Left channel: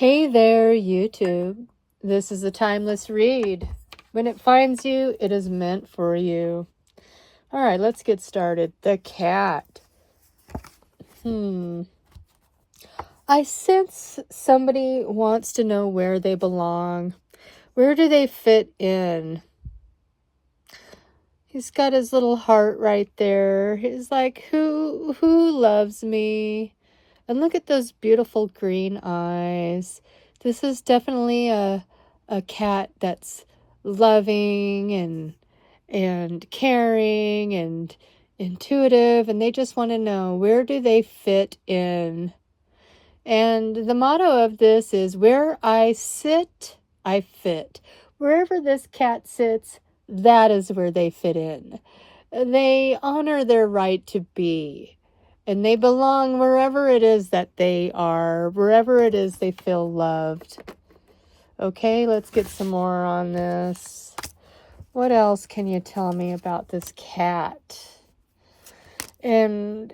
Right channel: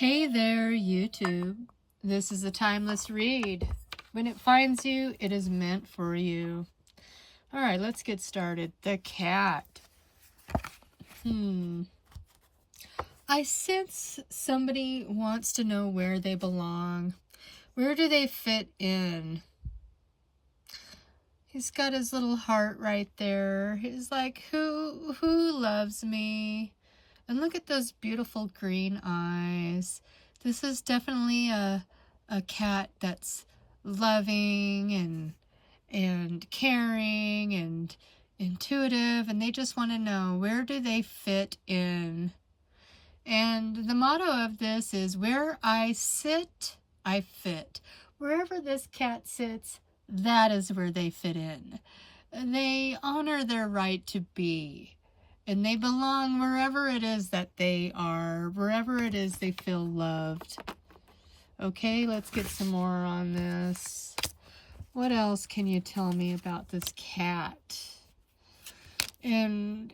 Hey there, YouTube. This is a timeless read. When it finds you, it is meant for you. All right, let's get started. The cat. I sense somebody wants to know where they belong. Where do they fit in? He's got his little heart right there. He's like, who loves me? And look at those beautiful green eyes. This is definitely a cat that's loving and caring and intuitive, and they just want to know, where do they fit in? And the motto of this is, where I sit, I fit. Wherever this cat sits, that is where they fit in. They honor their right to be. And they belong wherever it is that they are, wherever it is they feel loved. Okay, let's get some more on this. What else can you tell me about this cat? And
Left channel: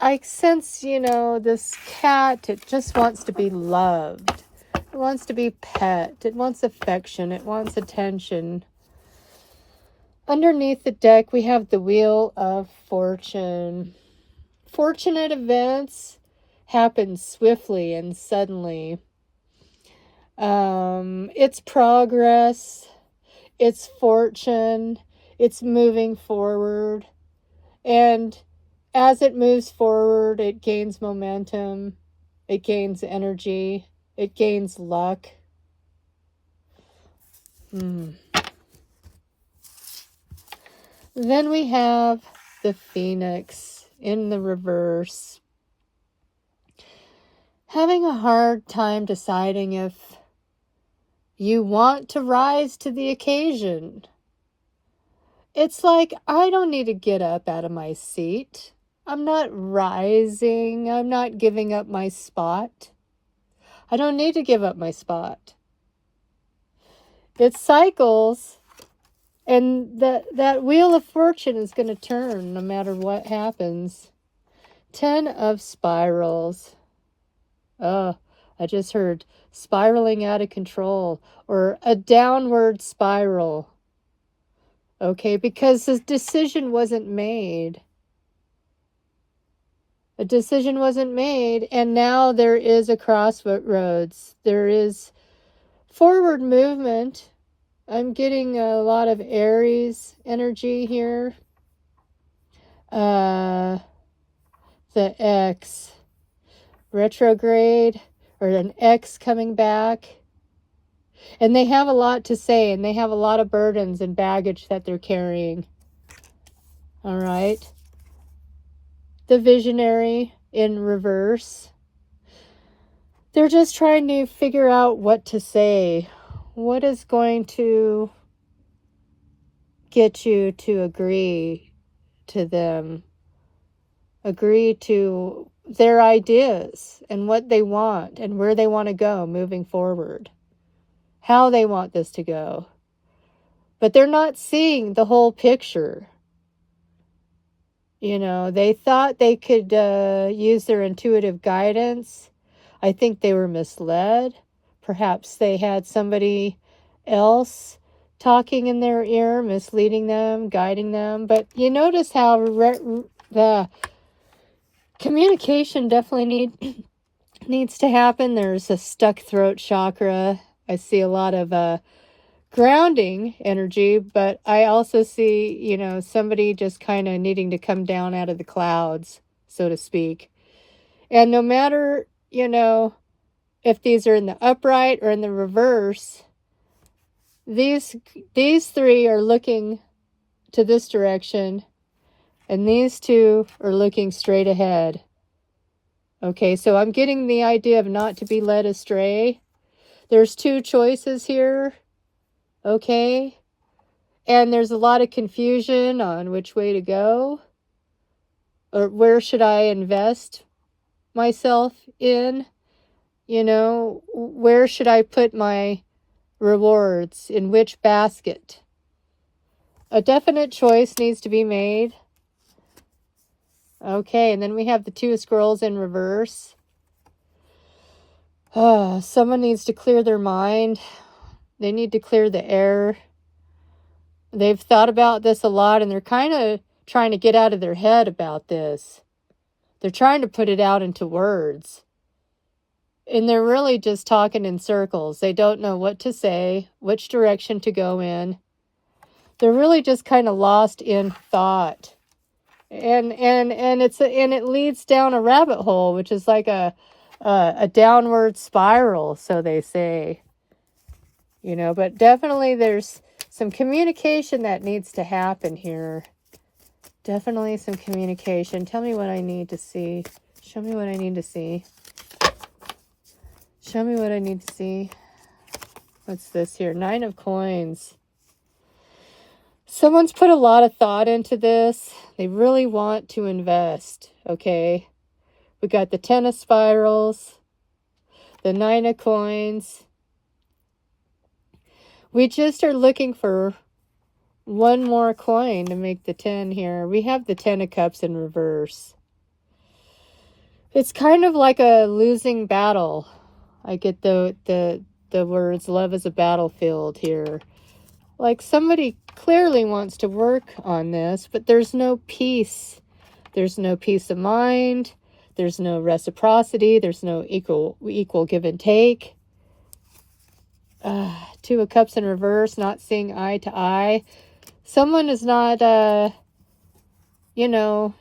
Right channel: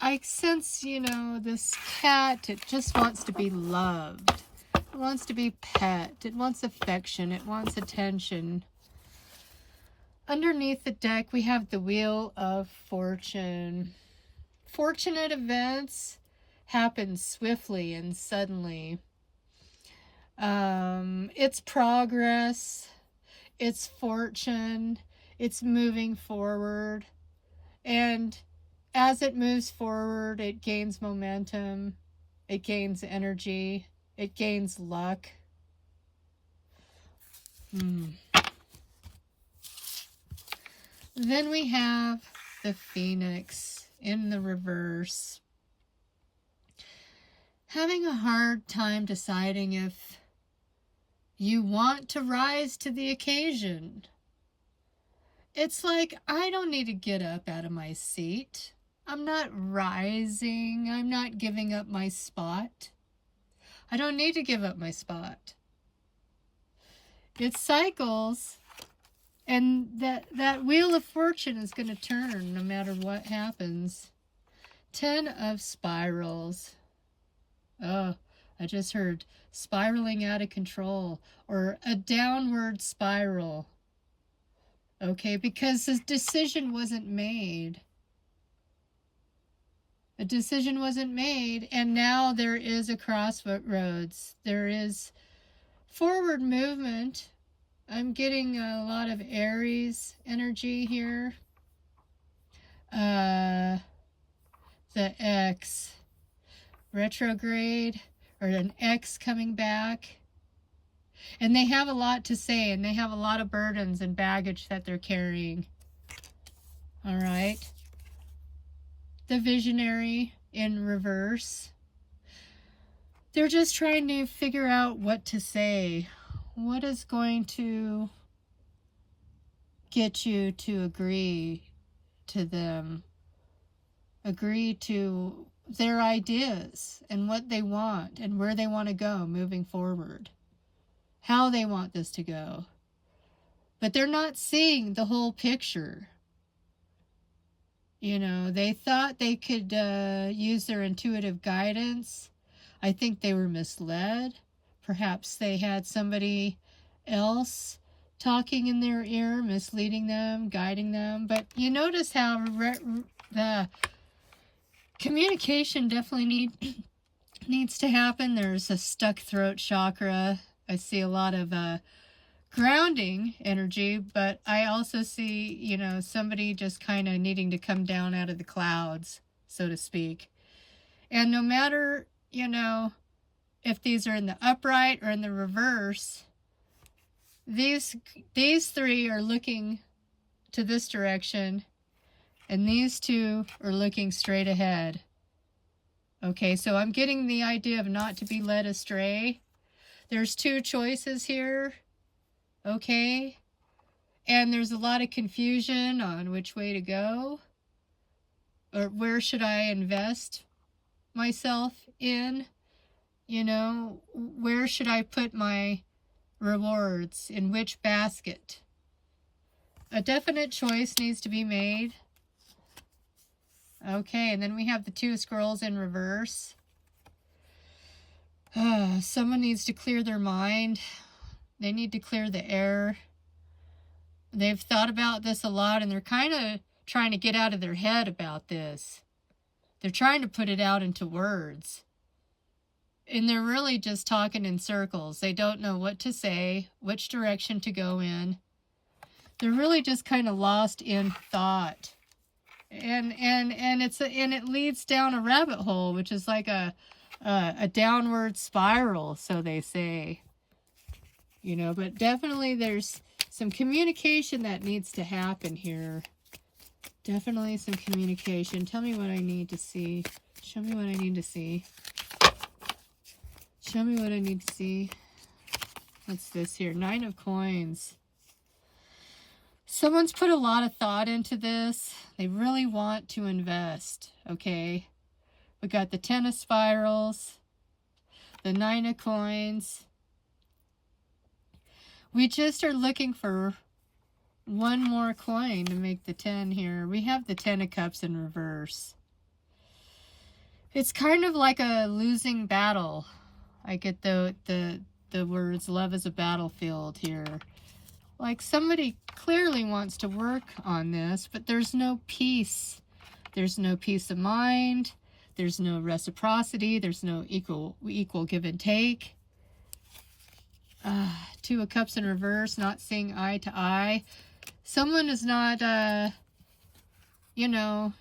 I sense, this cat, it just wants to be loved. It wants to be pet. It wants affection. It wants attention. Underneath the deck, we have the Wheel of Fortune. Fortunate events happen swiftly and suddenly. It's progress, it's fortune, it's moving forward. And as it moves forward, it gains momentum, it gains energy, it gains luck. Then we have the Phoenix in the reverse. Having a hard time deciding if you want to rise to the occasion. It's like, I don't need to get up out of my seat. I'm not rising. I'm not giving up my spot. I don't need to give up my spot. It cycles, and that Wheel of Fortune is going to turn no matter what happens. 10 of Spirals. Oh, I just heard spiraling out of control, or a downward spiral. Okay, because the decision wasn't made. A decision wasn't made, and now there is a crossroads. There is forward movement. I'm getting a lot of Aries energy here. The X. Retrograde, or an X coming back. And they have a lot to say, and they have a lot of burdens and baggage that they're carrying. All right. The Visionary in reverse. They're just trying to figure out what to say. What is going to get you to agree to them? Agree to their ideas and what they want and where they want to go moving forward. How they want this to go. But they're not seeing the whole picture. They thought they could use their intuitive guidance. I think they were misled. Perhaps they had somebody else talking in their ear, misleading them, guiding them. But you notice how the communication definitely needs to happen. There's a stuck throat chakra. I see a lot of grounding energy, but I also see, somebody just kind of needing to come down out of the clouds, so to speak. And no matter, if these are in the upright or in the reverse, these three are looking to this direction, and these two are looking straight ahead. Okay, so I'm getting the idea of not to be led astray. There's two choices here. Okay, and there's a lot of confusion on which way to go, or where should I invest myself in, where should I put my rewards, in which basket. A definite choice needs to be made. Okay, and then we have the two squirrels in reverse. Someone needs to clear their mind. They need to clear the air. They've thought about this a lot, and they're kind of trying to get out of their head about this. They're trying to put it out into words. And they're really just talking in circles. They don't know what to say, which direction to go in. They're really just kind of lost in thought. And it leads down a rabbit hole, which is like a downward spiral, so they say. You know, but definitely there's some communication that needs to happen here. Definitely some communication. Tell me what I need to see. Show me what I need to see. Show me what I need to see. What's this here? 9 of Coins. Someone's put a lot of thought into this. They really want to invest, okay? We got the 10 of Spirals, the 9 of Coins. We just are looking for one more coin to make the 10 here. We have the 10 of Cups in reverse. It's kind of like a losing battle. I get the words, love is a battlefield here. Like somebody clearly wants to work on this, but there's no peace. There's no peace of mind. There's no reciprocity. There's no equal give and take. 2 of Cups in reverse, not seeing eye to eye. Someone is not, you know,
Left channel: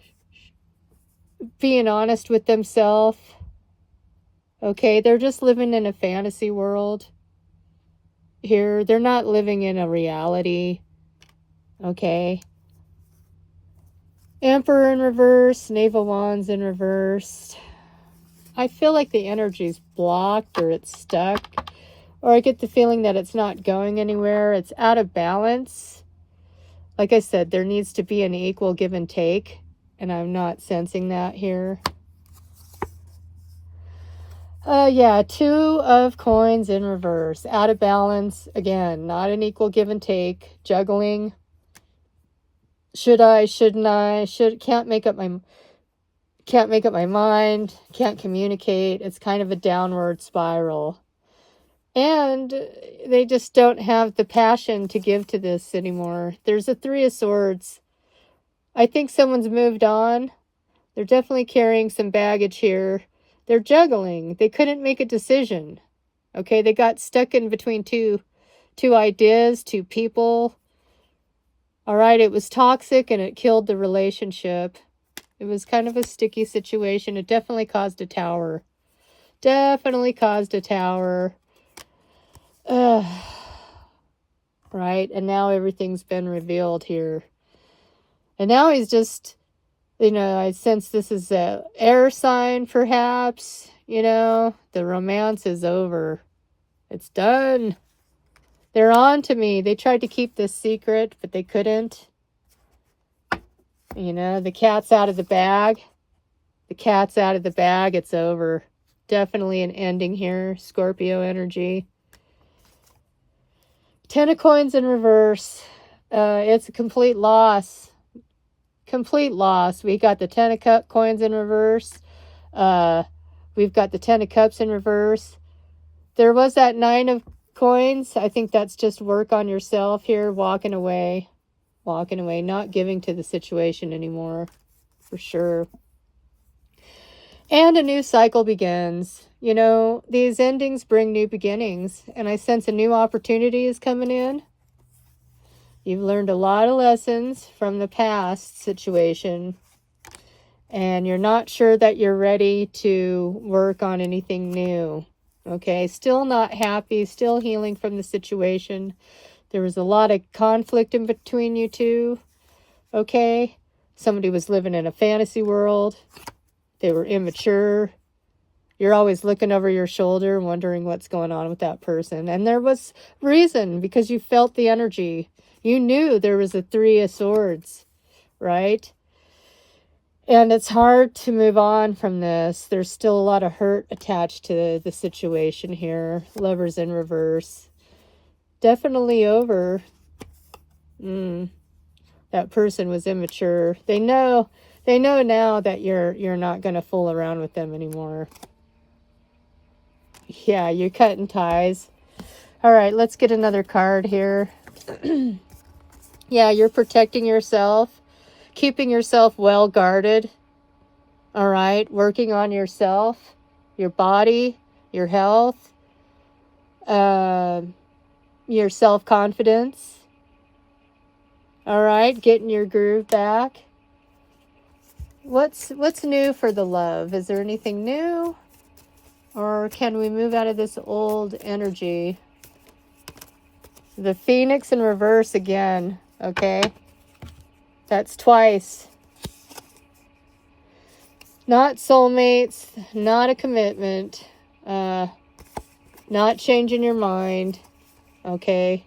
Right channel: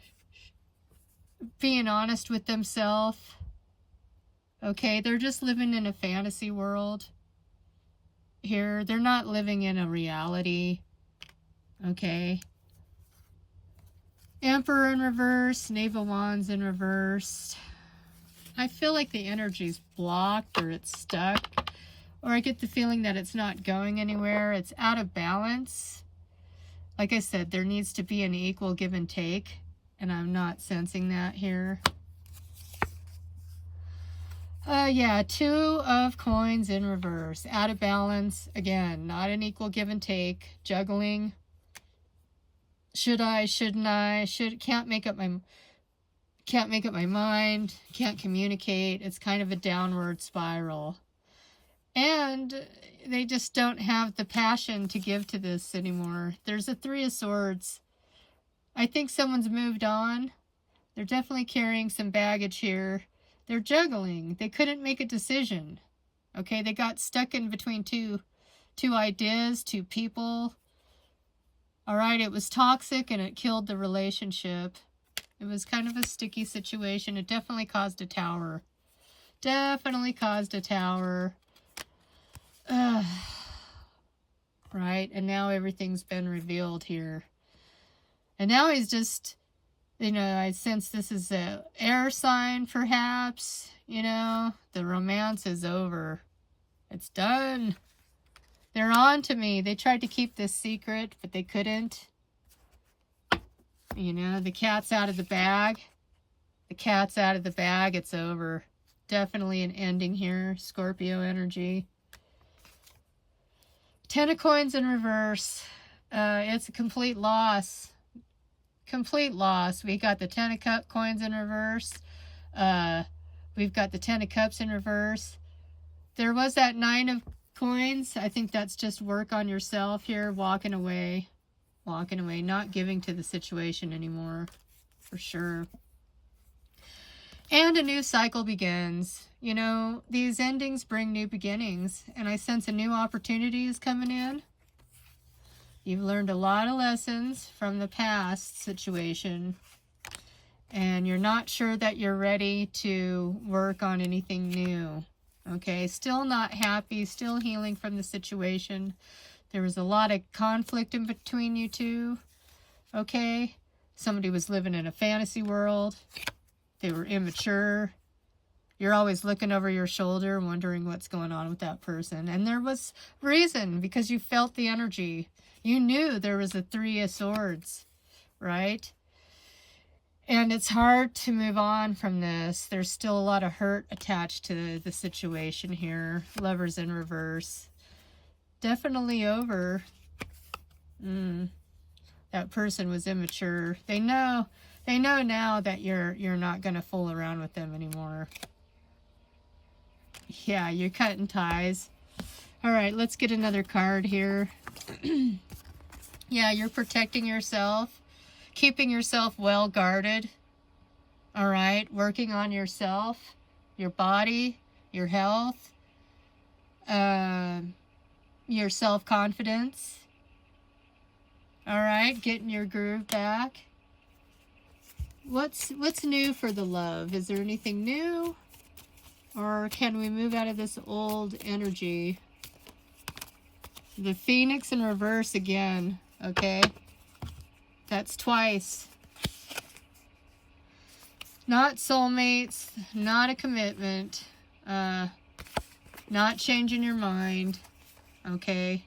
being honest with themselves. Okay, they're just living in a fantasy world here. They're not living in a reality. Okay. Emperor in reverse, Knave of Wands in reverse. I feel like the energy's blocked or it's stuck. Or I get the feeling that it's not going anywhere. It's out of balance. Like I said, there needs to be an equal give and take. And I'm not sensing that here. Yeah, 2 of Coins in reverse. Out of balance. Again, not an equal give and take. Juggling. Should I, shouldn't I? Can't make up my mind. Can't communicate. It's kind of a downward spiral. And they just don't have the passion to give to this anymore. There's a 3 of Swords. I think someone's moved on. They're definitely carrying some baggage here. They're juggling. They couldn't make a decision. Okay, they got stuck in between two ideas, 2 people. All right, it was toxic and it killed the relationship. It was kind of a sticky situation. It definitely caused a tower. Definitely caused a tower. Right, and now everything's been revealed here. And now he's just, you know, I sense this is a air sign, perhaps. You know, the romance is over. It's done. They're on to me. They tried to keep this secret, but they couldn't. You know, the cat's out of the bag. The cat's out of the bag. It's over. Definitely an ending here. Scorpio energy. 10 of Coins in reverse. It's a complete loss. Complete loss. We got the 10 of Coins in reverse. We've got the 10 of Cups in reverse. There was that 9 of Coins. I think that's just work on yourself here. Walking away. Walking away. Not giving to the situation anymore. For sure. And a new cycle begins. You know, these endings bring new beginnings. And I sense a new opportunity is coming in. You've learned a lot of lessons from the past situation. And you're not sure that you're ready to work on anything new. Okay, still not happy. Still healing from the situation. There was a lot of conflict in between you two. Okay, somebody was living in a fantasy world. They were immature. You're always looking over your shoulder, wondering what's going on with that person. And there was reason, because you felt the energy. You knew there was a 3 of Swords, right? And it's hard to move on from this. There's still a lot of hurt attached to the situation here. Lovers in reverse. Definitely over. That person was immature. They know now that you're not going to fool around with them anymore. Yeah, you're cutting ties. All right, let's get another card here. Yeah, you're protecting yourself, keeping yourself well guarded. All right, working on yourself, your body, your health, your self-confidence. All right, getting your groove back. What's new for the love? Is there anything new? Or can we move out of this old energy? The Phoenix in reverse again, okay? That's twice. Not soulmates, not a commitment, not changing your mind, okay?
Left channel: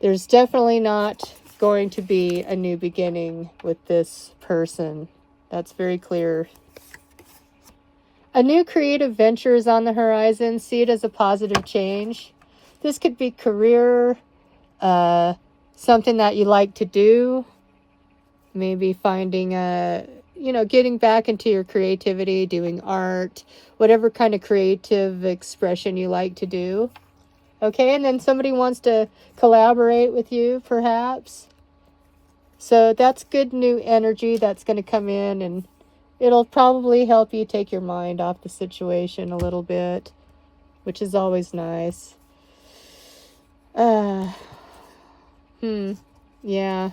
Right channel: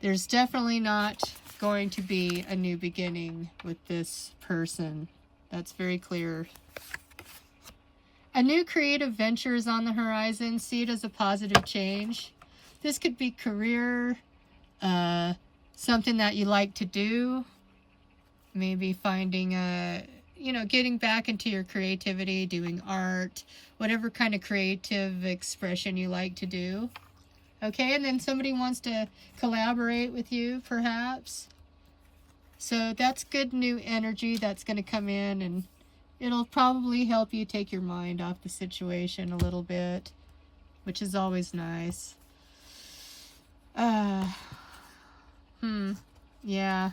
There's definitely not going to be a new beginning with this person. That's very clear. A new creative venture is on the horizon. See it as a positive change. This could be career, something that you like to do. Maybe finding getting back into your creativity, doing art, whatever kind of creative expression you like to do. Okay, and then somebody wants to collaborate with you, perhaps. So that's good new energy that's going to come in, and it'll probably help you take your mind off the situation a little bit, which is always nice. Yeah.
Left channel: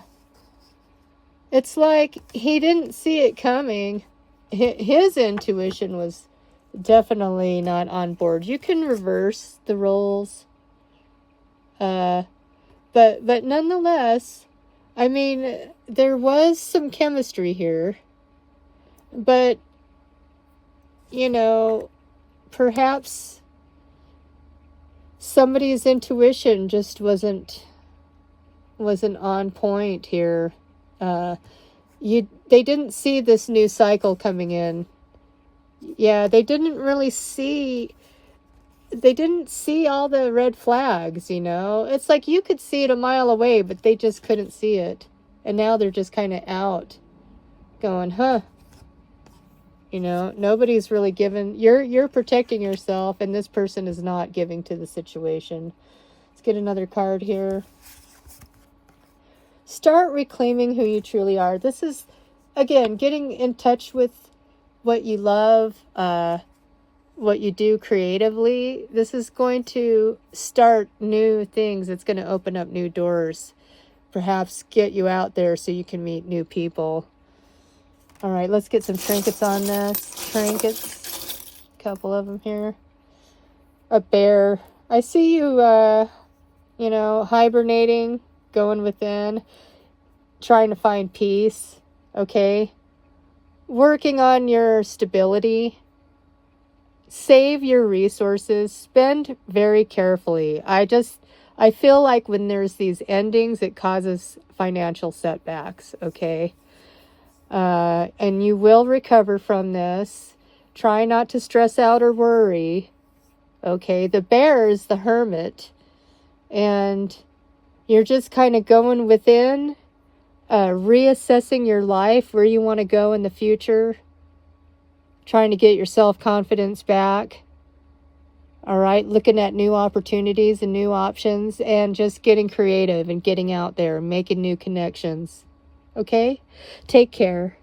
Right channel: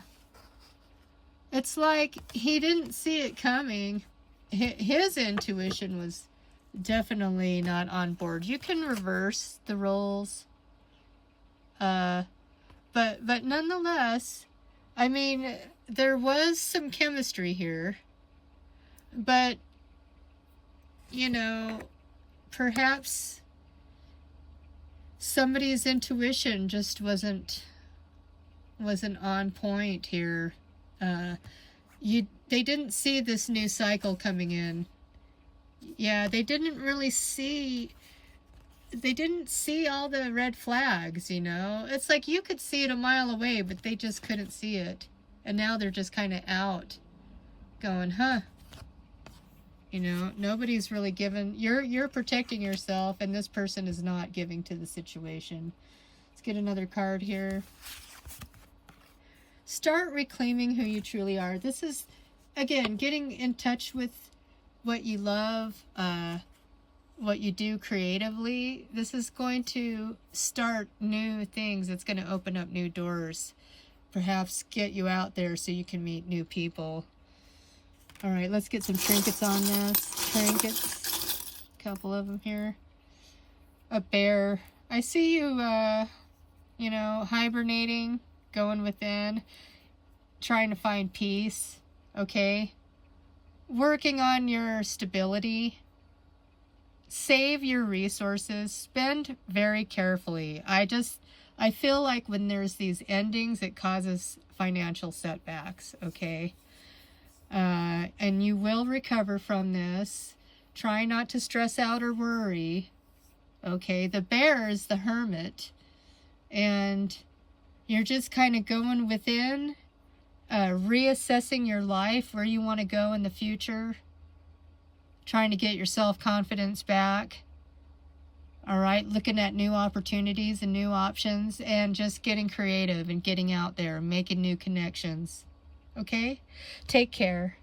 It's like he didn't see it coming. His intuition was definitely not on board. You can reverse the roles. But nonetheless, I mean, there was some chemistry here. But, perhaps somebody's intuition just wasn't on point here. They didn't see this new cycle coming in. Yeah, they didn't see all the red flags, It's like you could see it a mile away, but they just couldn't see it. And now they're just kind of out going, huh? Nobody's really given. You're protecting yourself, and this person is not giving to the situation. Let's get another card here. Start reclaiming who you truly are. This is, again, getting in touch with what you love, what you do creatively. This is going to start new things. It's going to open up new doors. Perhaps get you out there so you can meet new people. All right, let's get some trinkets on this. Trinkets. A couple of them here. A bear. I see you, hibernating, going within, trying to find peace, okay? Working on your stability. Save your resources. Spend very carefully. I feel like when there's these endings, it causes financial setbacks, okay? And you will recover from this. Try not to stress out or worry. Okay, the bear is the hermit. And you're just kind of going within, reassessing your life, where you want to go in the future. Trying to get your self-confidence back. All right, looking at new opportunities and new options, and just getting creative and getting out there, making new connections. Okay? Take care.